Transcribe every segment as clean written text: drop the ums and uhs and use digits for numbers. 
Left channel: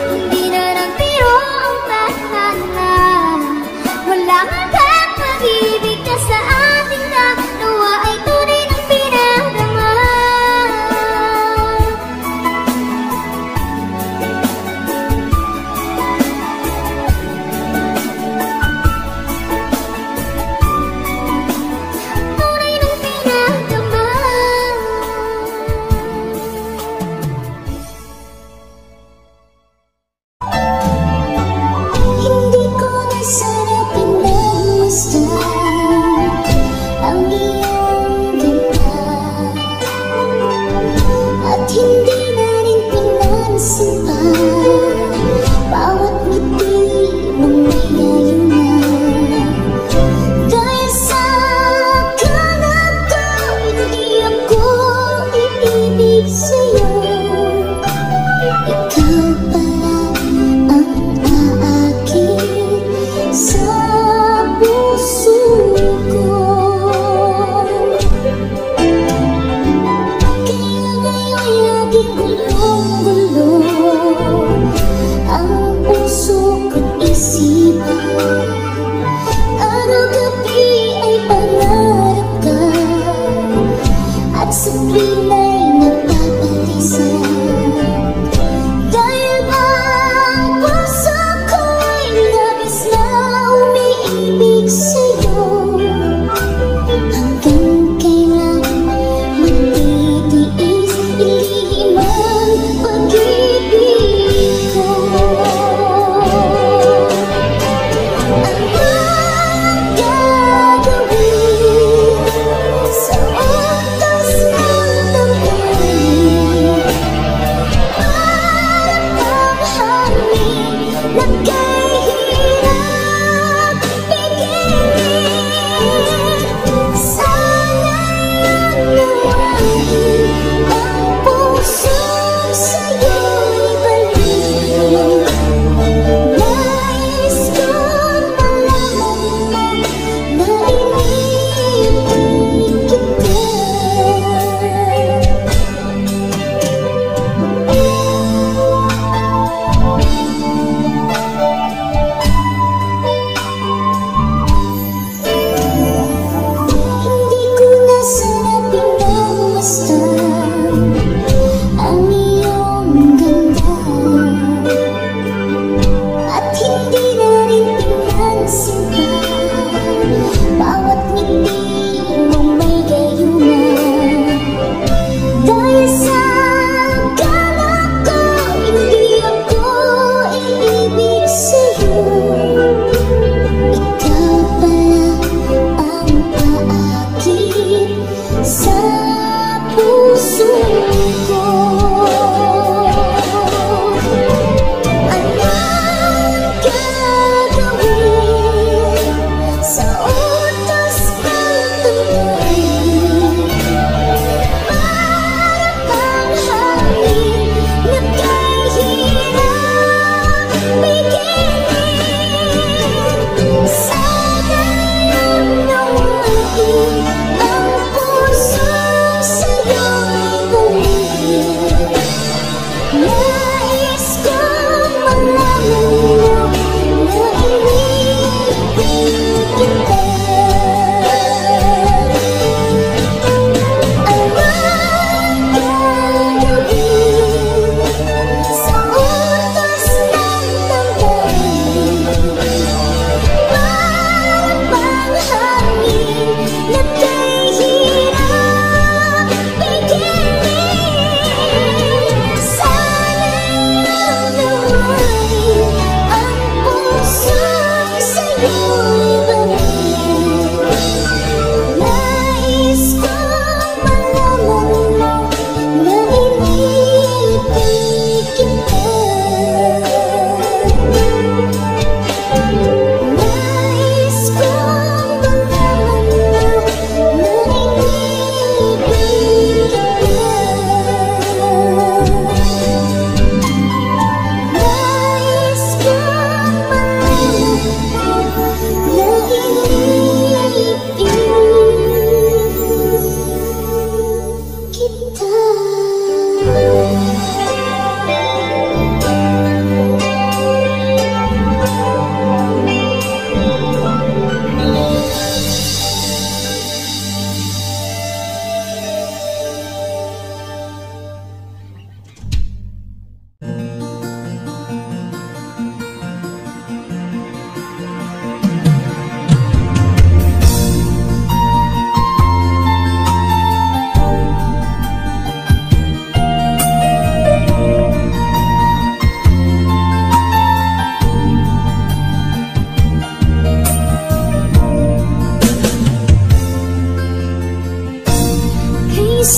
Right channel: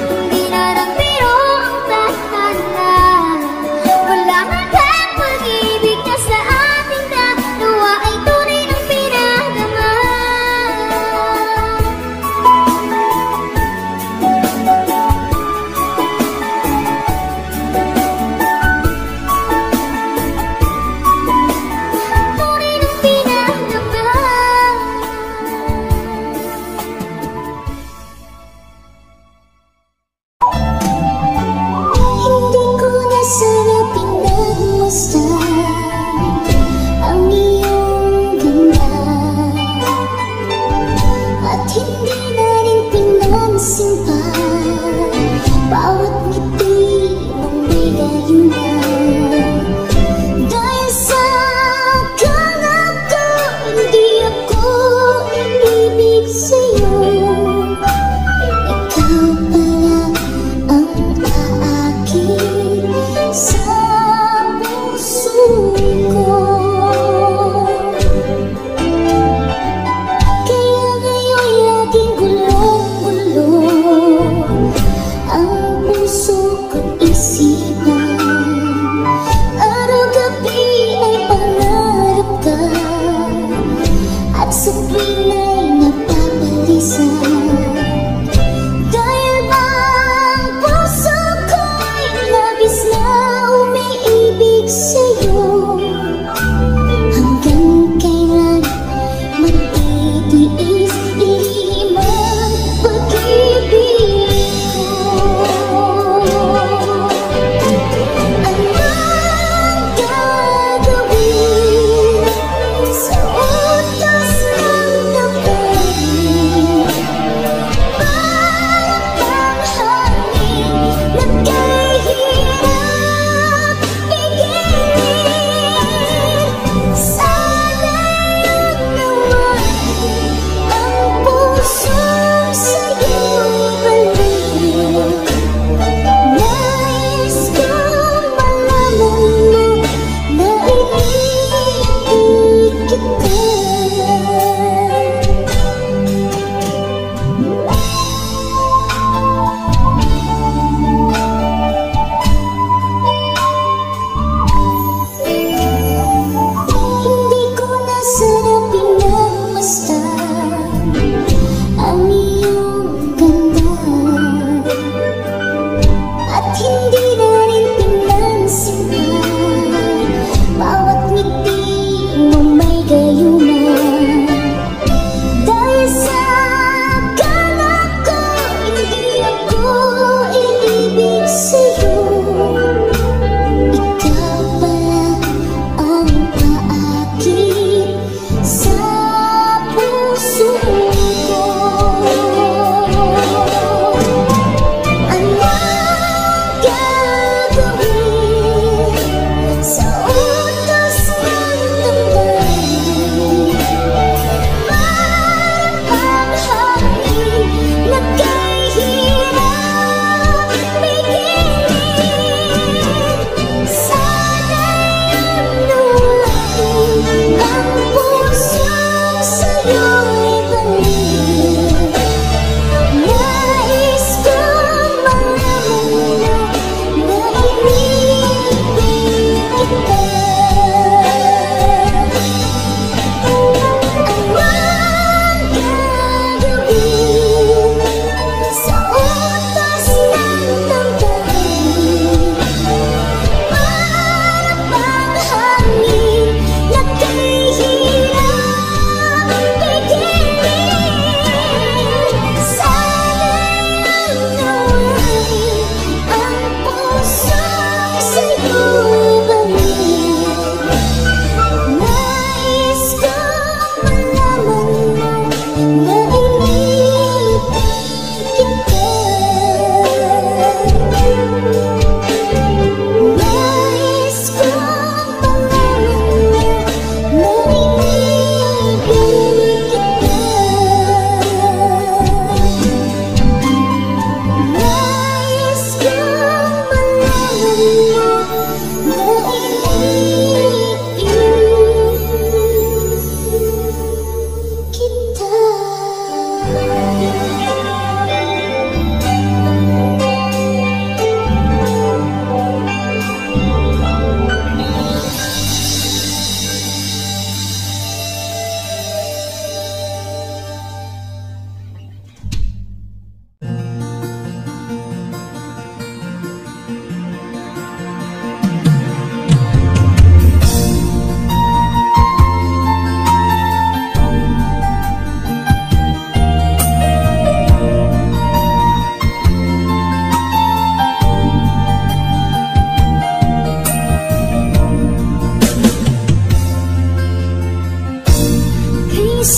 Hindi na nagbiro ang tadhana.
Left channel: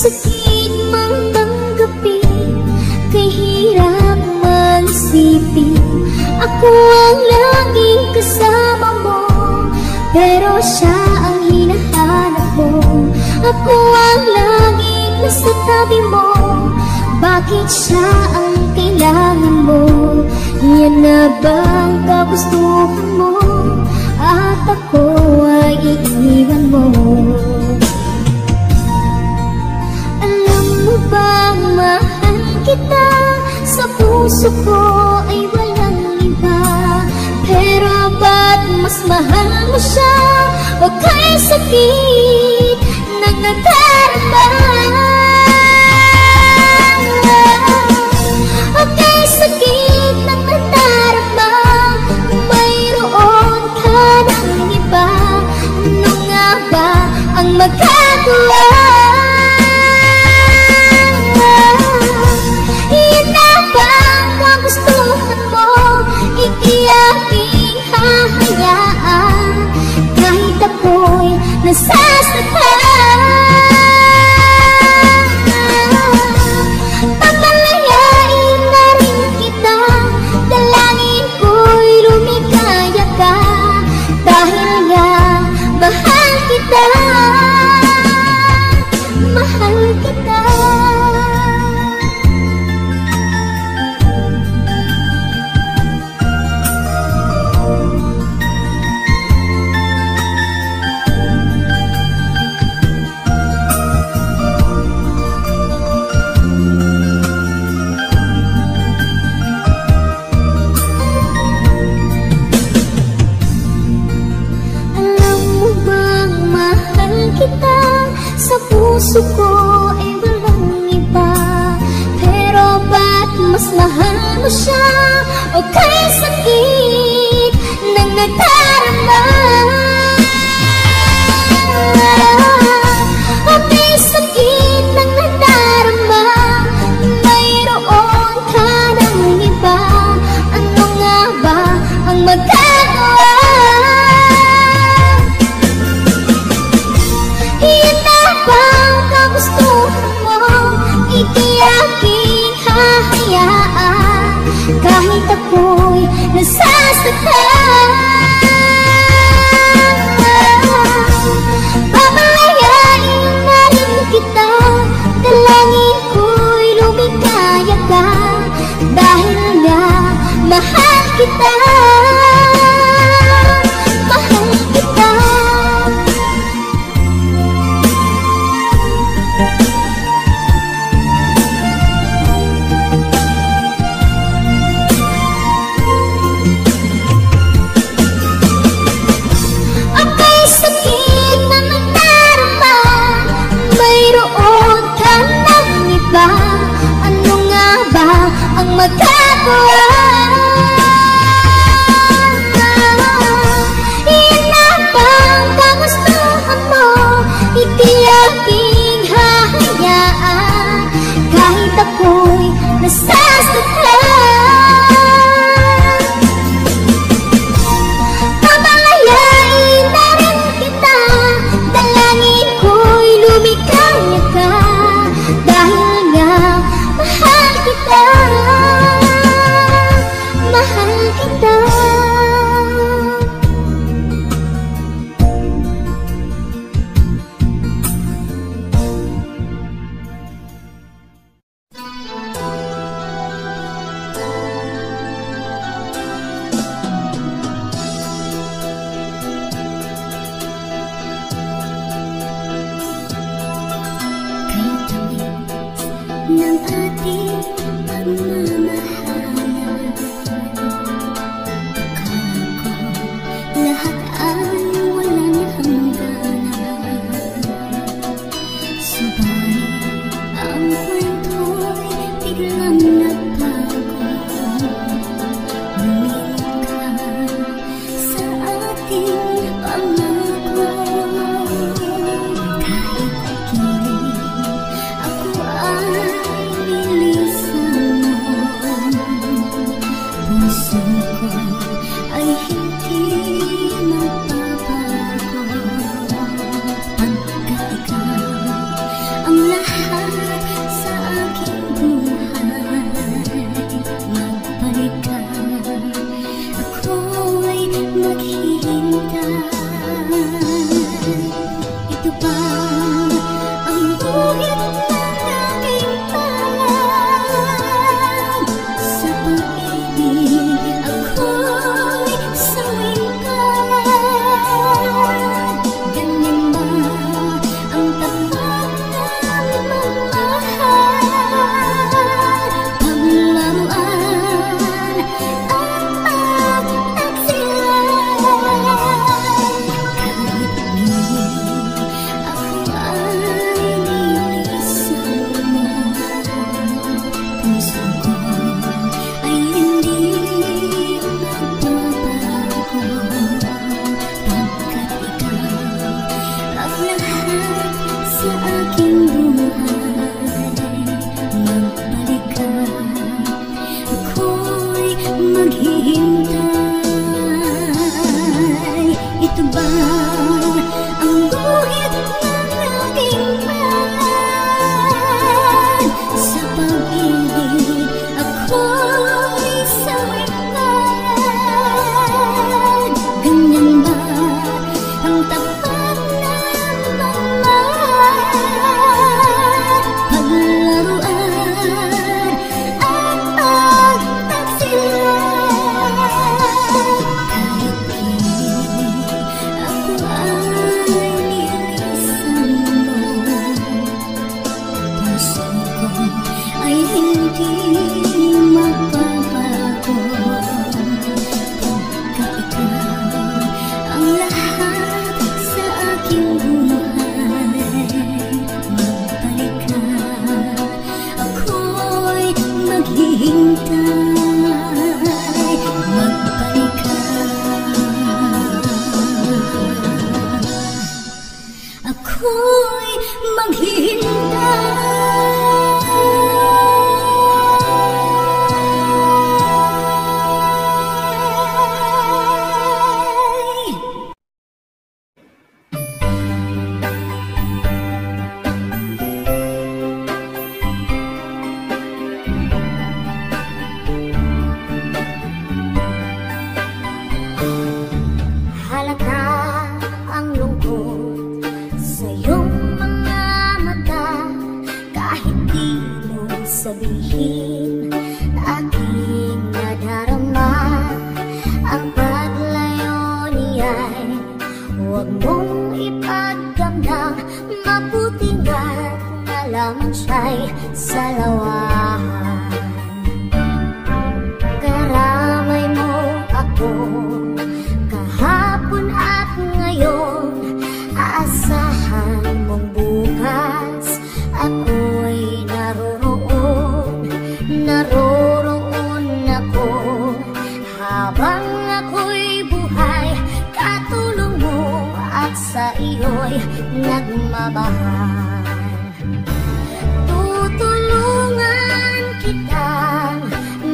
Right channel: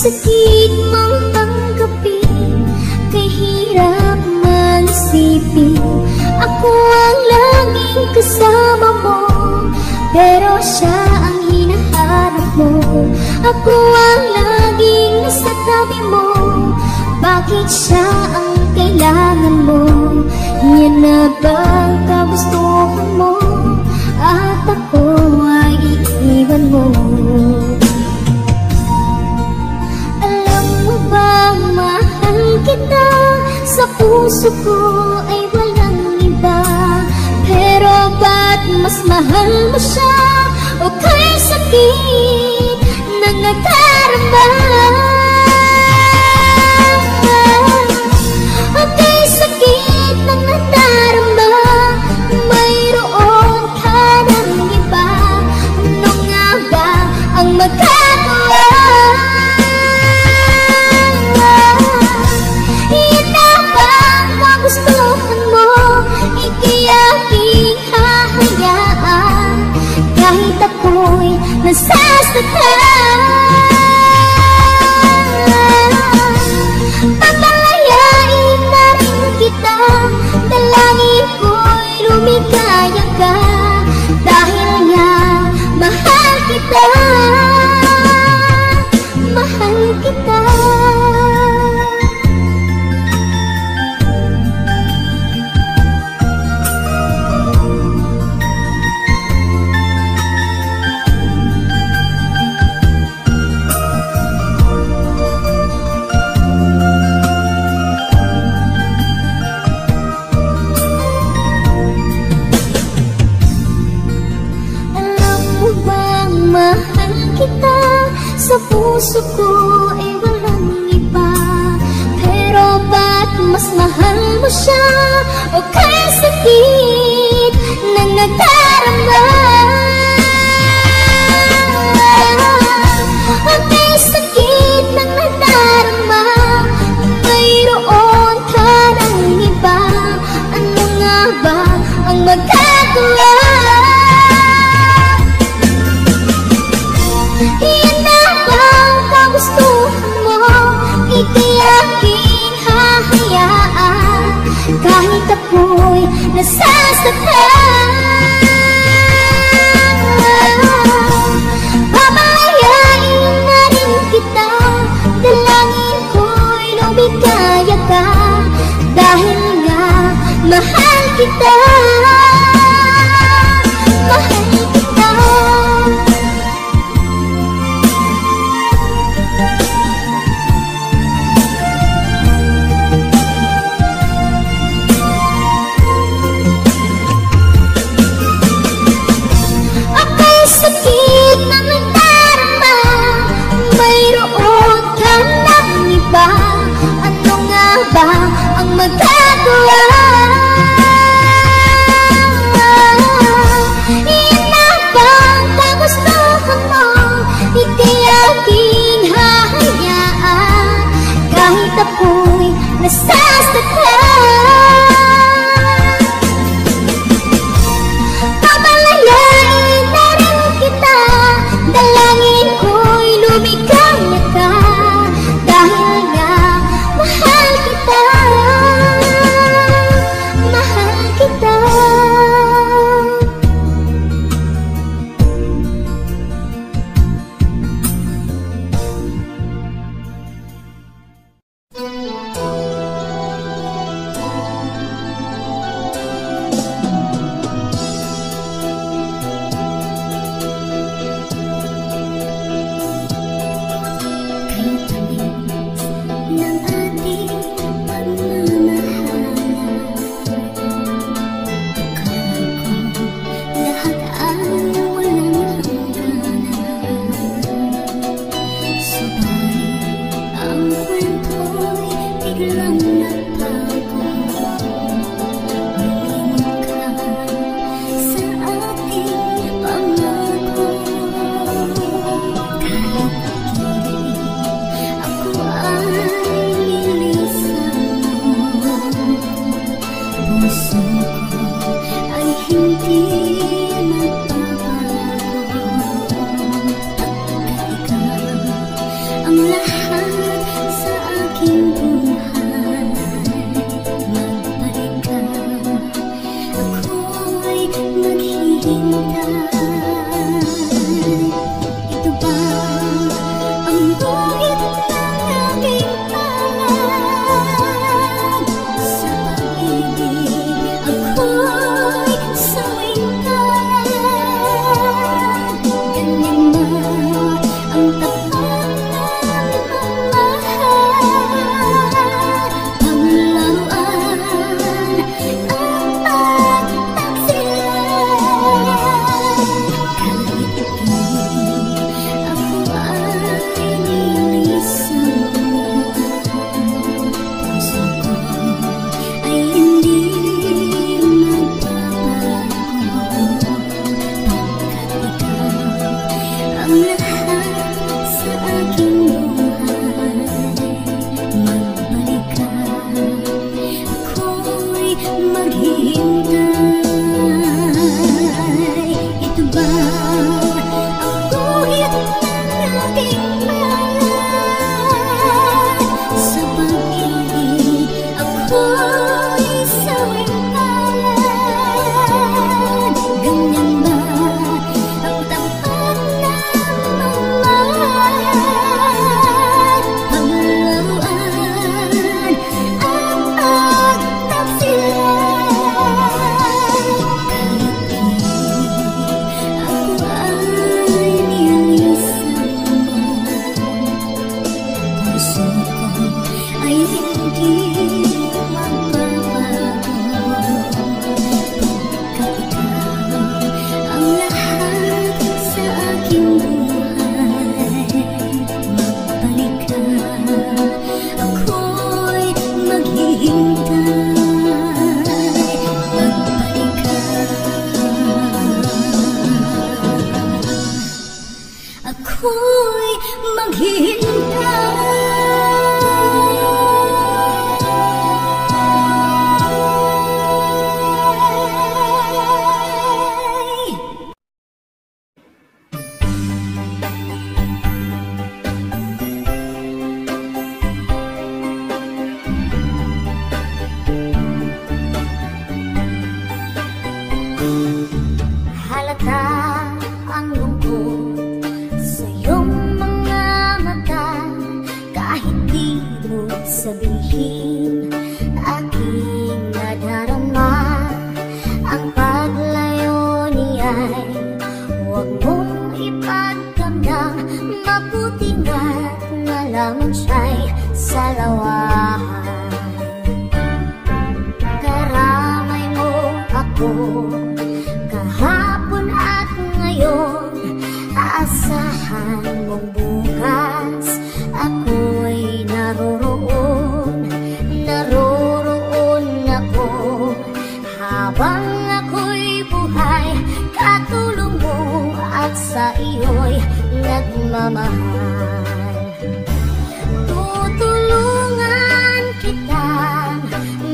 sakit mang tanggapin, kahirap mag-isipin. Ako ang laging kasama mo, pero siya ang hinahanap mo. Ako ang laging nasa tabi mo, bakit siya ang kailangan mo? Yan na bang kagustuhan mo, at ako ay iiwan mo? Alam mo bang mahal kita, sa puso ko ay walang iba. Pero ba't mas mahal mo siya, o kay sakit ng nadarama? O kay sakit ng nadarama, mayroon ka bang iba? Ano nga ba ang magagawa? Iyan na ba ang magustuhan mo? Hindi aking hahayaan, kahit ako'y nasasaktan. Papalayain na rin kita, dalangin ko'y lumigaya ka, dahil nga mahal kita, mahal kita. Sa puso ko ay walang iba, pero ba't mas mahal mo siya, o kay sakit ng nadarama? O kay sakit ng nadarama, mayroon ka ng iba. Ano nga ba ang magagawa? Iyan na bang kagustuhan mo? Hindi aking hahayaan, kahit ako'y nasasaktan. Papalayain na rin kita, dalangin ko'y lumigaya ka, dahil nga mahal kita, mahal kita. Sakit na nadarama, mayroon ka ng iba. Ano nga ba ang magagawa? Iyan na bang kagustuhan mo? Hindi aking hahayaan, kahit ako'y nasasaktan. Papalayain na rin kita, dalangin ko'y lumigaya ka, dahil nga mahal kita, mahal kita. Ng ating pagmamahal, lahat ay walang hangganan. Subalit ang kwento'y biglang nagtago, lumilika sa ating pangako. Puso ko ay hindi nagbabago, pagkat ikaw ang lahat ito ba ang guhit ng ating plan? Sa pag-ibig ako'y sawing-tayan. Ganyan ba ang tapat na magmahal? Paglaruan at pagtagsilan. Ako'y maghihintay. Halata ang lungkot sa iyong mga mata, kahit di mo sabihin, aking nadarama. Ang paglayo niya'y huwag mong ipagdamdam, mabuti nga't nalaman siya'y salawahan. Karamay mo ako kahapon at ngayon, asahan mong bukas ako'y naroroon ako. Habang ako'y buhay, katulong mo at sa iyo'y nagmamahal. Tutulungan kitang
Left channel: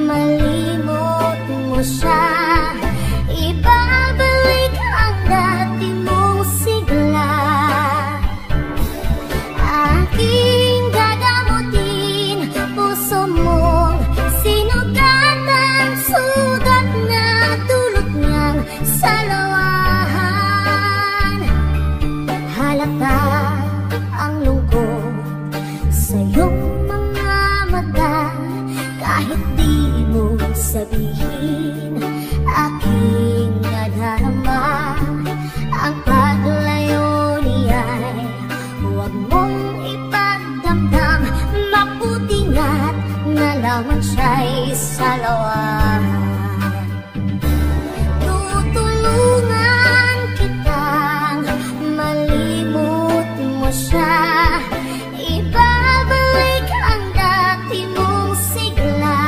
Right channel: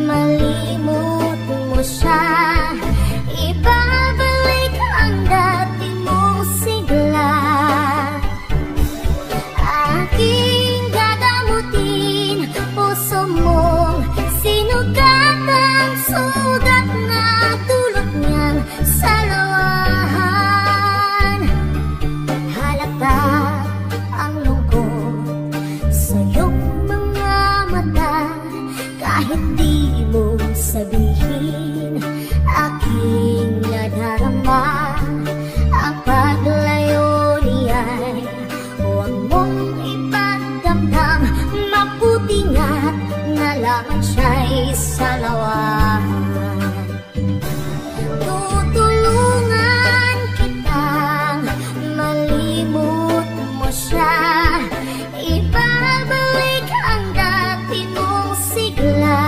malimot mo siya, ibabalik ang dati mong sigla. Aking gagamutin puso mong sinugatan, sugat na dulot niyang salawahan. Halata ang lungkot sa iyong mga mata, kahit di mo sabihin, aking nadarama. Ang paglayo niya'y huwag mong ipagdamdam, mabuti nga't nalaman siya'y salawahan. Tutulungan kitang malimot mo siya, ibabalik ang dati mong sigla.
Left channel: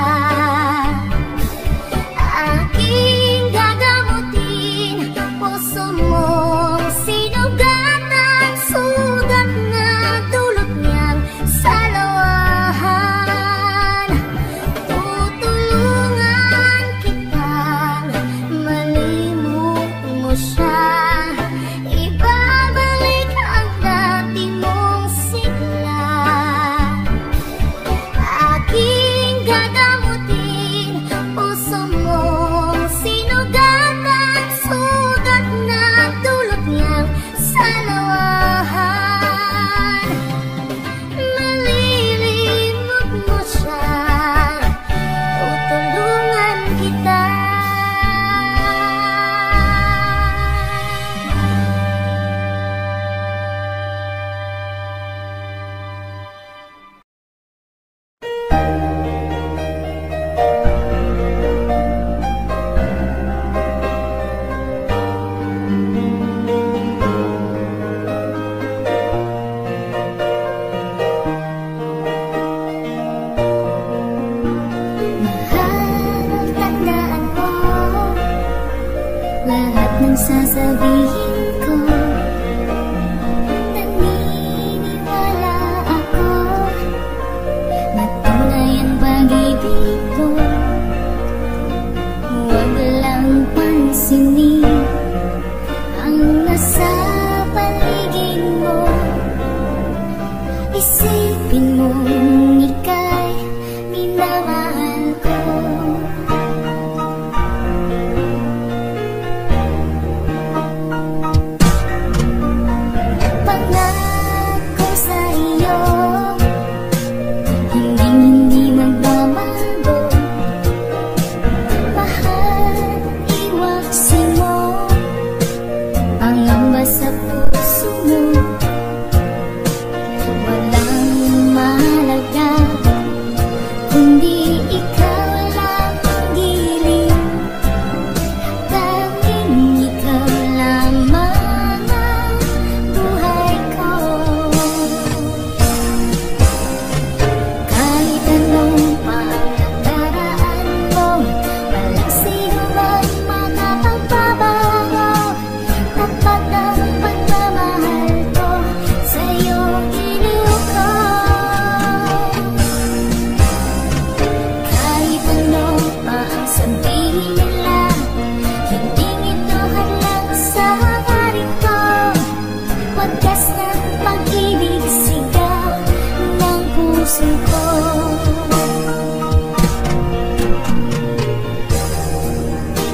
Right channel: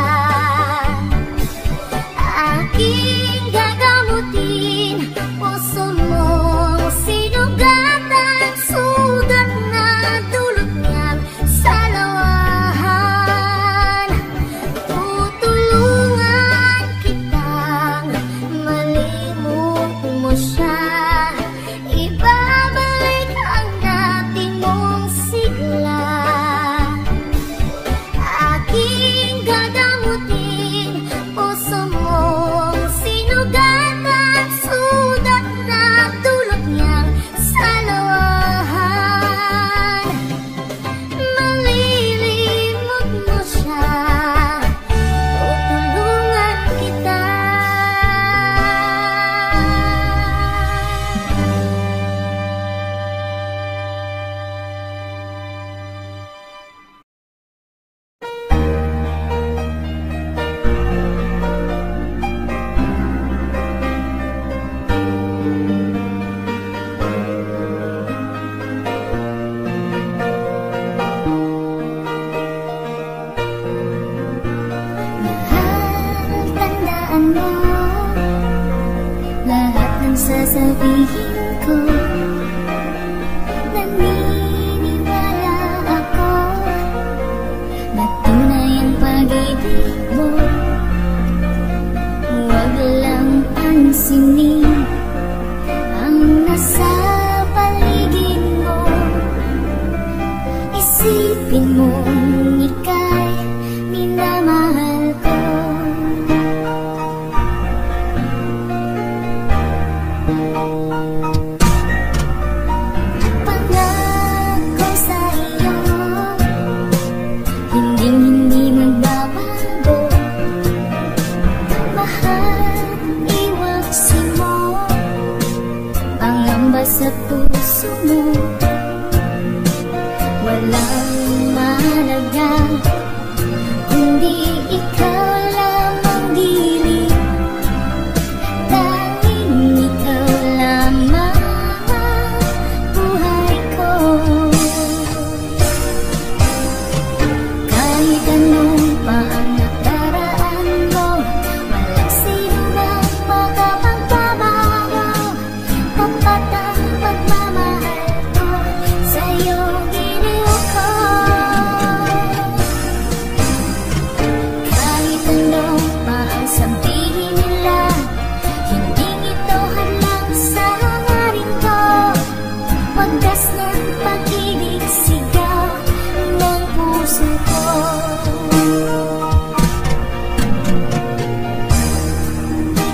Aking gagamutin puso mong sinugatan, sugat na dulot niyang salawahan. Tutulungan kitang malimot mo siya, ibabalik ang dati mong sigla. Aking gagamutin puso mong sinugatan, sugat na dulot niyang salawahan. Malilimot mo siya, tutulungan kita. Mahal, tandaan mo lahat ng sasabihin ko. Naniniwala ako, matunay ang pag-ibig mo. Huwag lang pansinin sa puso mo. Walang mahalaga kundi ikaw lang ang giliw. Tanging ikaw lamang ang buhay ko. Kahit anong pa ang nakaraan mo, walang sino mang makapagbabago. Tapat ang pagmamahal ko, sa'yo giliw ko. Kahit ano pa ang sabihin nila, hindi ito hadlang sa hangarin ko. Wagas ng pag-ibig, sigaw ng puso ko.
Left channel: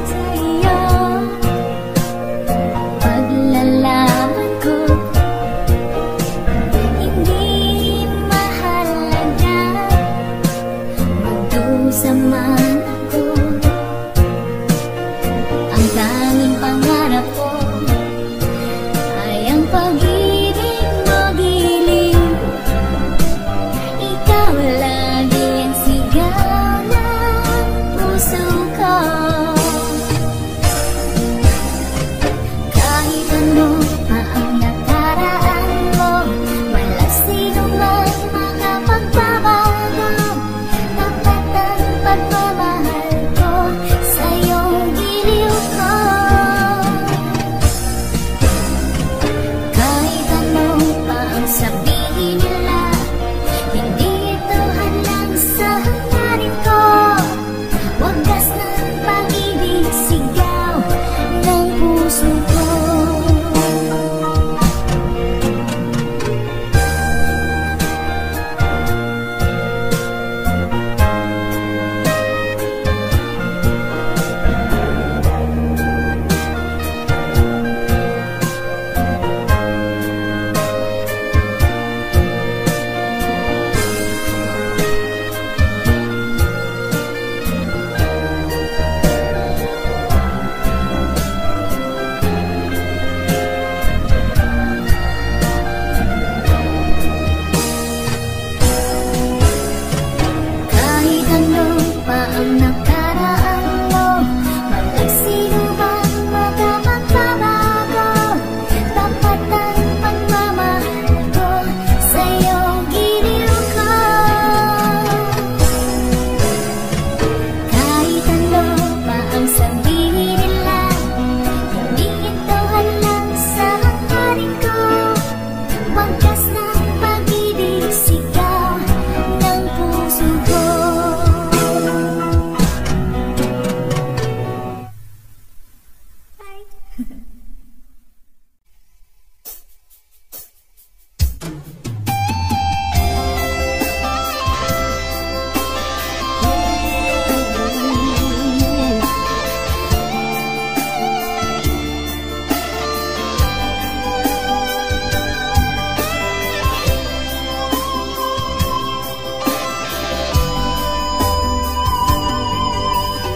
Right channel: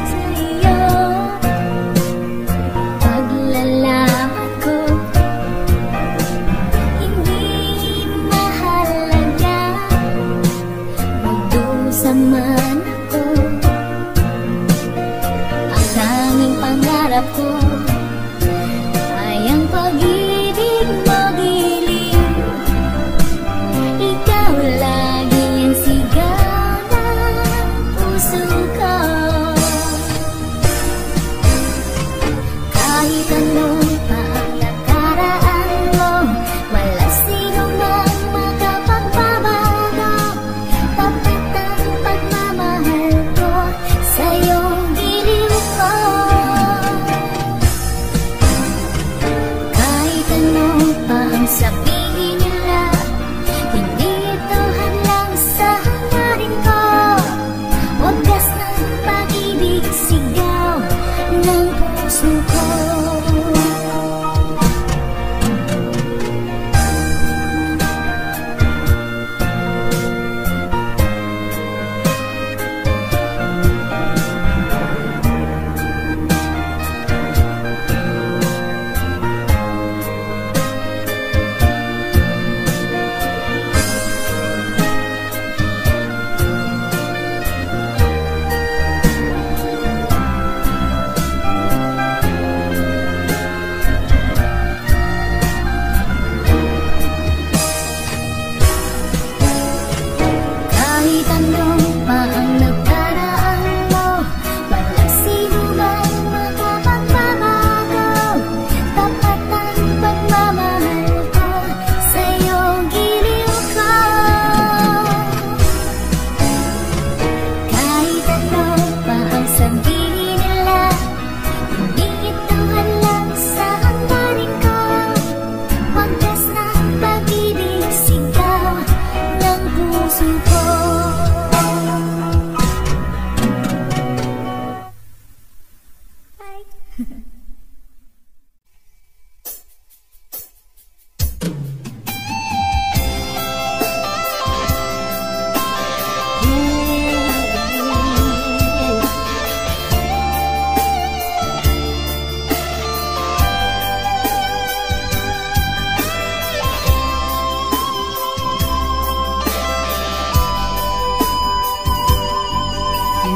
Sa'yo, paglalaman ko, hindi mahalaga magdusa man ako. Ang tanging pangarap ko ay ang pag-ibig mo giliw. Ikaw lagi ang sigaw ng puso ko. Kahit ano pa ang nakaraan mo, walang sino mang makapagbabago. Tapat ang pagmamahal ko, sa'yo giliw ko. Kahit ano pa ang sabihin nila, hindi ito hadlang sa hangarin ko. Wagas ng pag-ibig, sigaw ng puso ko. Kahit ano pa ang nakaraan mo, walang sino mang makapagbabago. Tapat ang pagmamahal ko, sa'yo giliw ko. Kahit ano pa ang sabihin nila, hindi ito hadlang sa hangarin ko. Wagas ng pag-ibig, sigaw ng puso ko.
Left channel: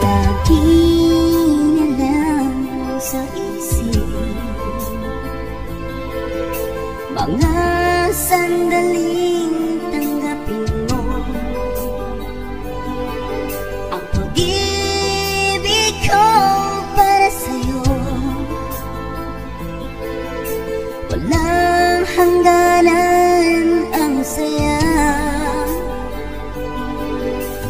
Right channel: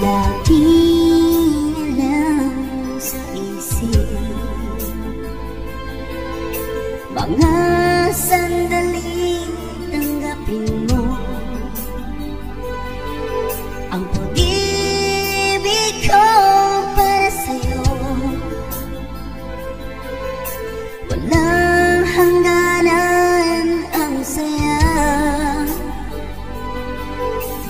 Lagi na lang sa isip mga sandaling tanggapin mo ang pag-ibig ko para sa'yo. Walang hangganan ang saya,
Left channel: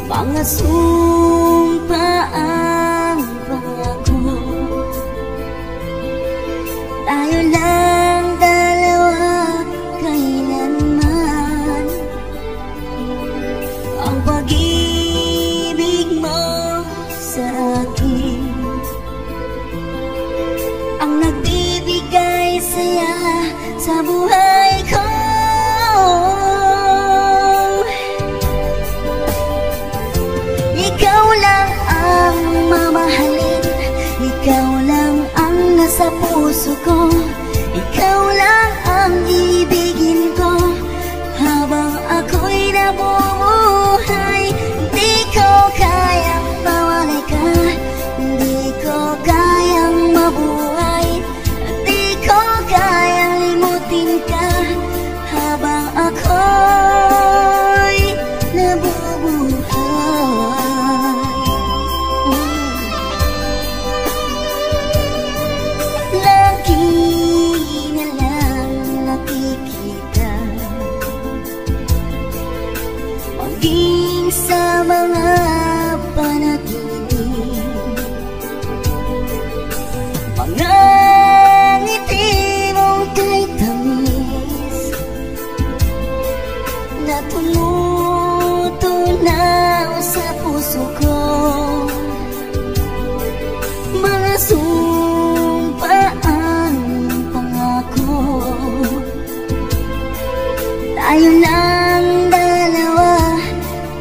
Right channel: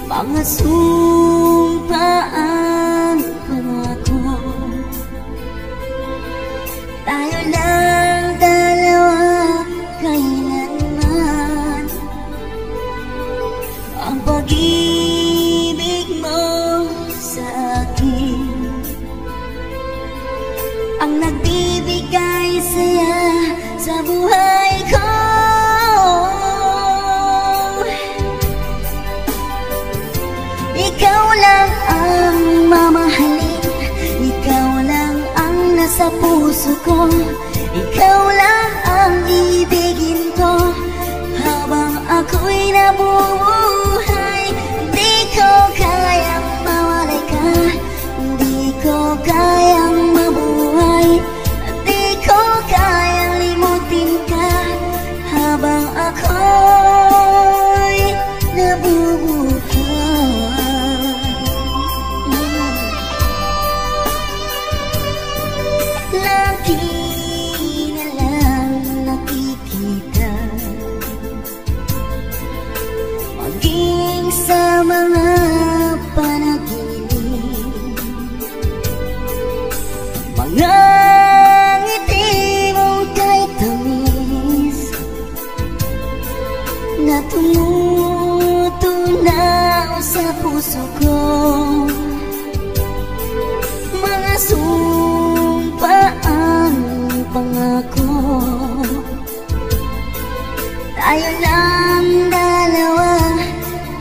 mga sumpa ang pangako. Tayo lang dalawa kailanman. Ang pag-ibig mo sa akin ang nagbibigay saya sa buhay ko. Ikaw lang ang mamahalin, ikaw lang ang nasa puso ko, ikaw lang ang ibigin ko habang ako'y nabubuhay. Di ko kayang mawalay ka, di ko kayang mabuhay, di ko kayang maging sa mga panaginip. Mga ngiti mo kay tamis na tumutunaw sa puso ko. Mga sumpa at pangako, tayo lang dalawa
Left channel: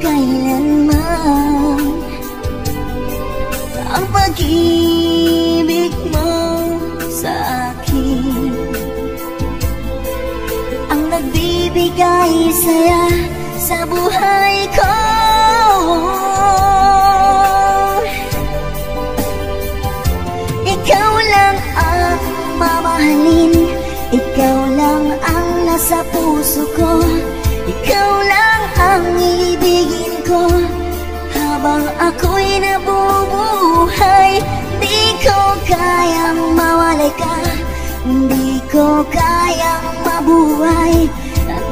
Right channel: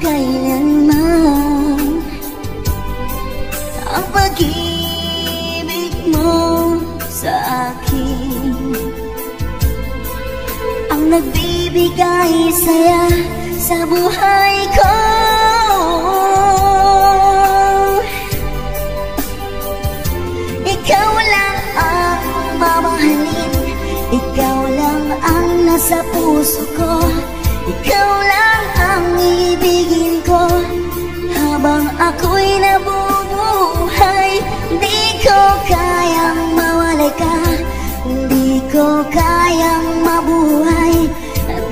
kailanman. Ang pag-ibig mo sa akin ang nagbibigay saya sa buhay ko. Ikaw lang ang mamahalin, ikaw lang ang nasa puso ko, ikaw lang ang ibigin ko. Habang ako'y nabubuhay, di ko kayang mawalay ka, di ko kayang mabuhay,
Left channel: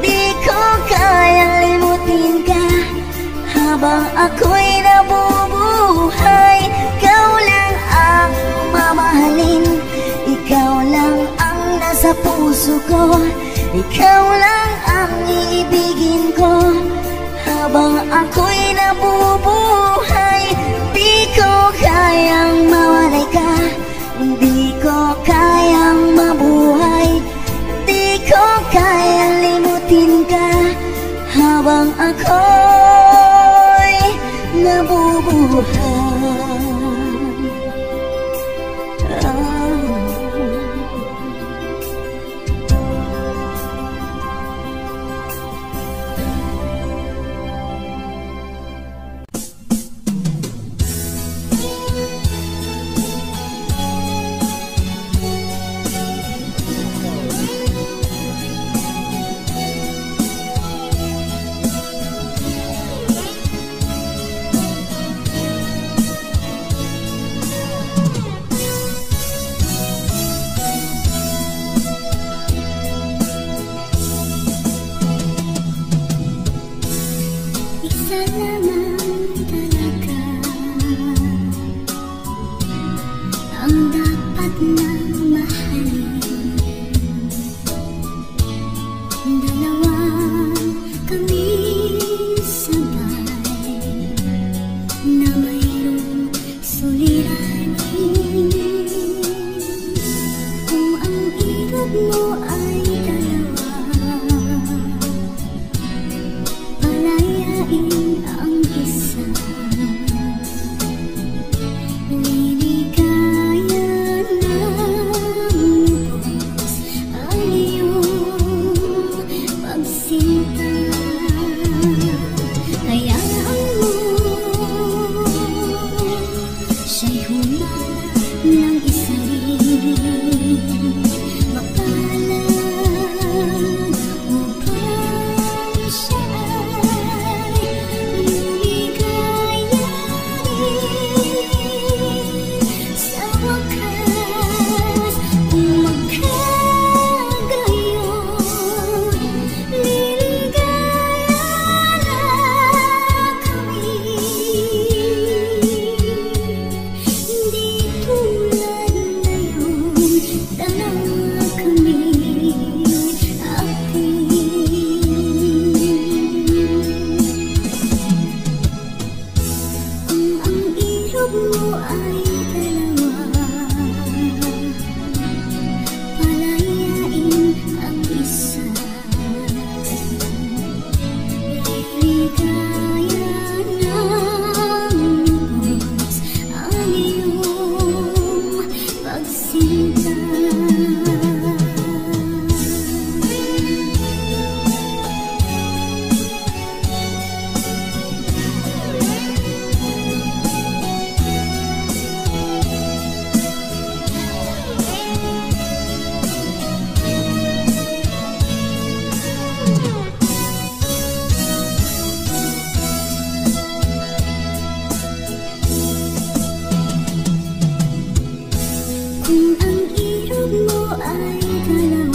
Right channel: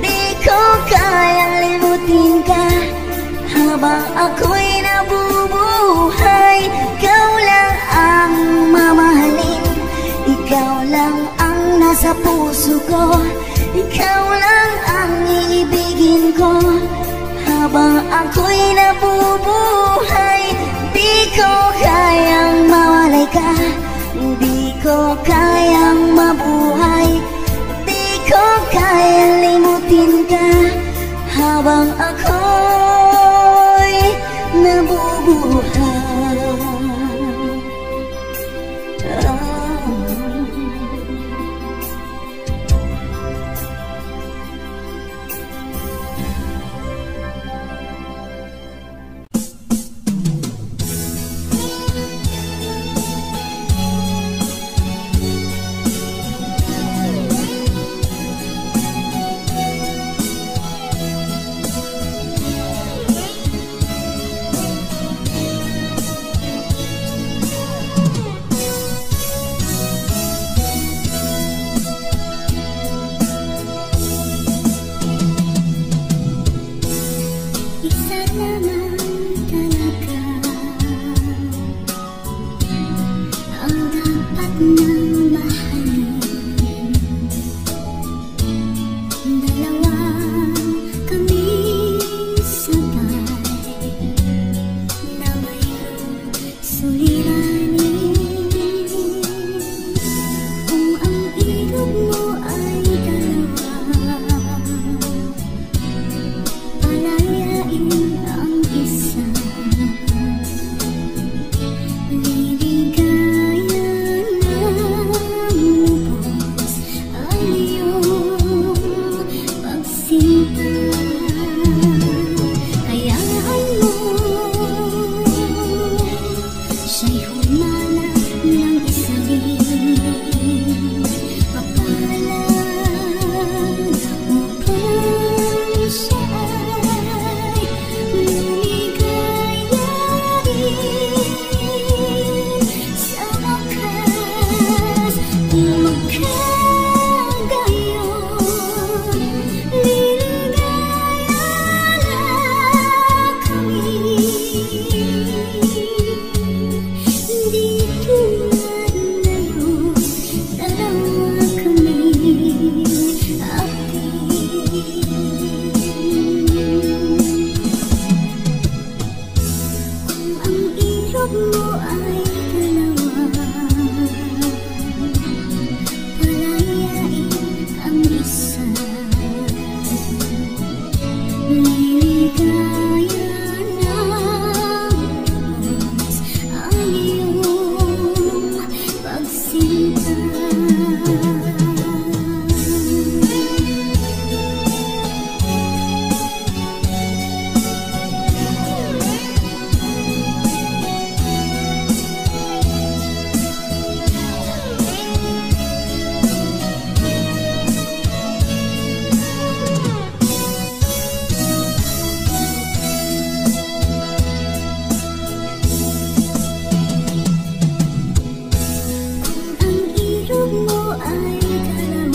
di ko kayang limutin ka. Habang ako'y nabubuhay, ikaw lang ang mamahalin, ikaw lang ang nasa puso ko, ikaw lang ang ibigin ko. Habang ako'y nabubuhay, di ko kayang mawalay ka, di ko kayang mabuhay, di ko kayang limutin ka. Habang ako'y nabubuhay. Kung ang ilog mo ay dalawa,